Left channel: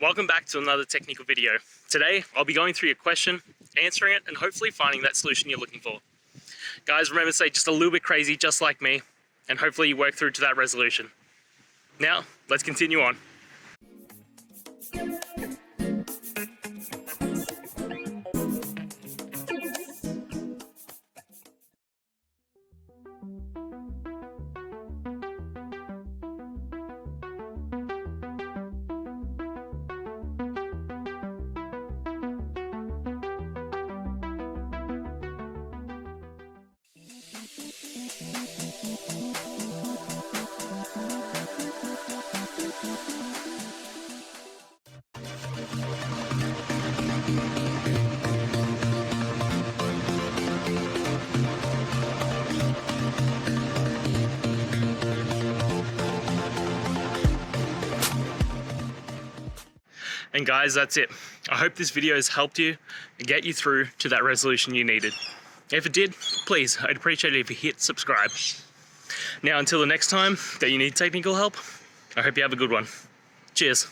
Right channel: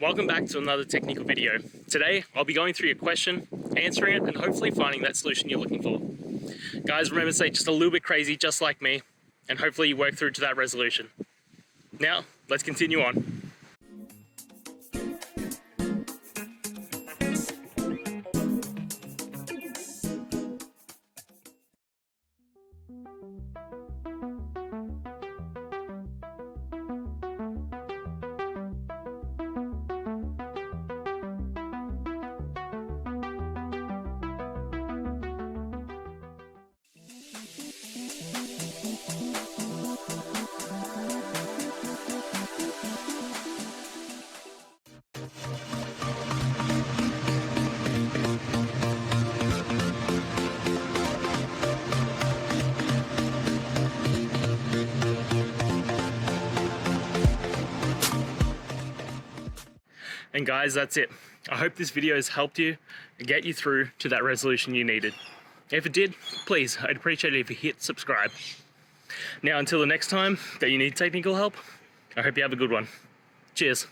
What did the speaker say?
Welcome back to another technical video. Today, I'll be going through your question, answering it, and hopefully finding that solution you're looking for. Guys, remember to stay just a little bit crazy, just like me, and hopefully you work through to that resolution. Now, let's continue on. And guys, that's it. I hope this video has helped you and get you through to that resolution you needed. If it did, please, I'd appreciate it if you hit subscribe. Now, until the next time that you need technical help, I hope you have a good one. Cheers.